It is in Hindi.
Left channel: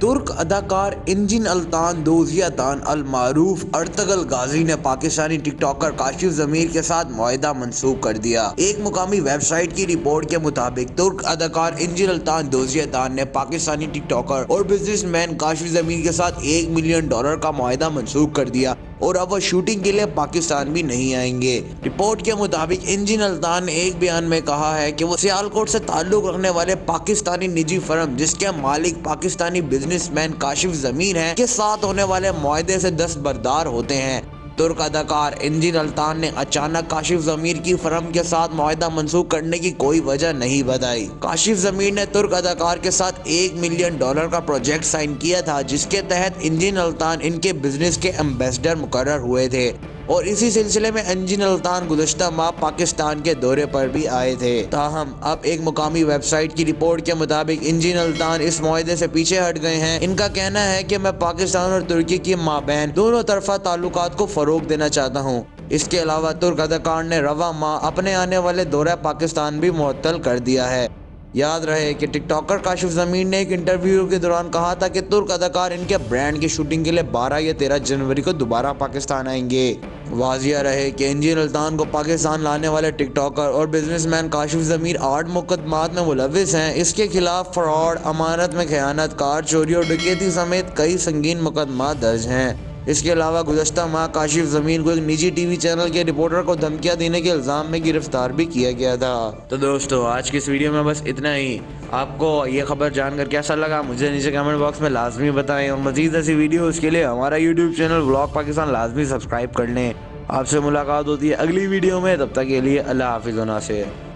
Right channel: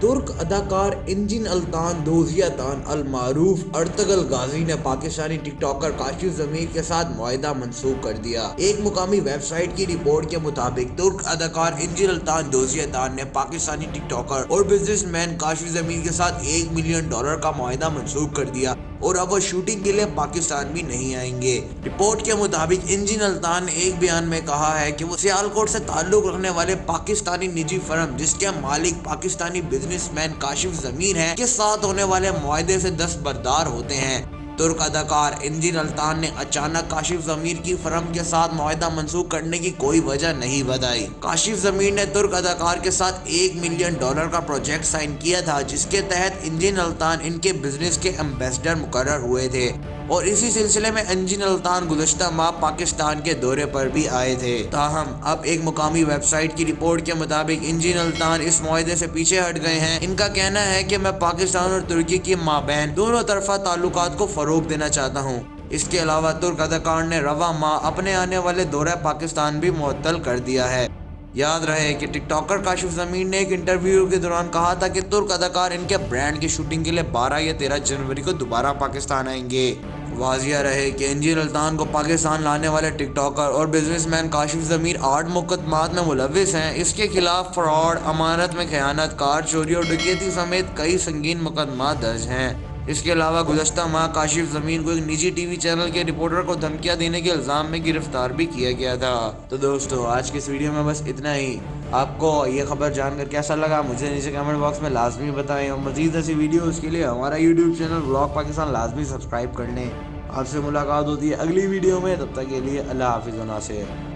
तुर्क अदाकार इंजिन अल्तान दोजियातान अल मारूफ अर्तगल गाजी ने पाकिस्तानी टिकटॉकर काशिफ जमीर के साथ मुआहदा मंसूख कर दिया। एक मुकामी वेबसाइट की रिपोर्ट के मुताबिक तुर्क अदाकार इंजिन अल्तान दोजियातान ने पाकिस्तानी टिकटॉकर और बिजनेसमैन काशिफ जमीर के साथ $1 मिलियन का मुआहदा मंसूख कर दिया और अब वह शूटिंग के लिए पाकिस्तान भी नहीं आएंगे। रिपोर्ट के मुताबिक इंजिन अल्तान ने एक बयान में कहा है कि वो सियालकोट से ताल्लुक रखने वाले पाकिस्तानी निजी फर्म जिसके मालिक पाकिस्तानी बिजनेसमैन काशिफ जमीर हैं के साथ होने वाले मुआहदे से दस्तबरदार होते हैं। तुर्क अदाकार इंजिन अल्तान ने अचानक काशिफ जमीर की फर्म के साथ मुआहदा मंसूख करने की कोई वजह नहीं बताई। काशिफ जमीर ने तुर्क अदाकार के साथ $1 मिलियन का प्रोजेक्ट साइन किया था, जिसके तहत इंजिन अल्तान इनके बिजनेस के एम्बेसडर मुकर्रर हुए थे और इसी सिलसिले में इंजिन अल्तान गुज़श्ता माह पाकिस्तान के दौरे पर भी आए थे। ताहम अब एक मुकामी वेबसाइट की रिपोर्ट के मुताबिक इंजिन अल्तान इस मुआहदे से पीछे हट गए हैं। इनका कहना है कि मैं पाकिस्तान और तुर्की की माबैन दोनों तरफा ताल्लुकात को फरोग देना चाहता हूँ। इसके अलावा तुर्क अदाकार ने रवा माह अपने आने वाले दौरा पाकिस्तान भी मुअत्तल कर दिया है। याद रहे कि टिकटॉकर काशिफ जमीर ने एक इंटरव्यू के दौरान कहा था कि तुर्क अदाकार इनके ब्रांड की शूटिंग के लिए 12 या 13 जनवरी को दोबारा पाकिस्तान आएंगे। वाजिया रहे कि इंजिन अल्तान को पाकिस्तान लाने वाले टिकटॉकर और बिजनेसमैन काशिफ जमीर 8 मुकदमात में मुलविस हैं। इसके खिलाफ फ्रॉड, अमानत में खयानत, कार चोरी और डकैती समेत कई संगीन मुकदमा दर्ज हैं। इसके अलावा गुज़श्ता माह काशिफ जमीर को एक निजी टीवी चैनल के रिपोर्टर को धमकियां देने के इल्ज़ाम में गिरफ्तार भी किया गया था। तो दोस्तों, आज की इस वीडियो में बस इतना ही। आपको ये खबर जानकर कैसा लगा मुझे नीचे कमेंट बॉक्स में लाजमी बताएं और मज़ीद ऐसी वीडियोस के लिए हमारा यूट्यूब चैनल व्लॉग पाकिस्तान लाजमी सब्सक्राइब कर लें। आपसे मुलाकात होती है अगली वीडियो में, तब तक के लिए अल्लाह हाफिज़।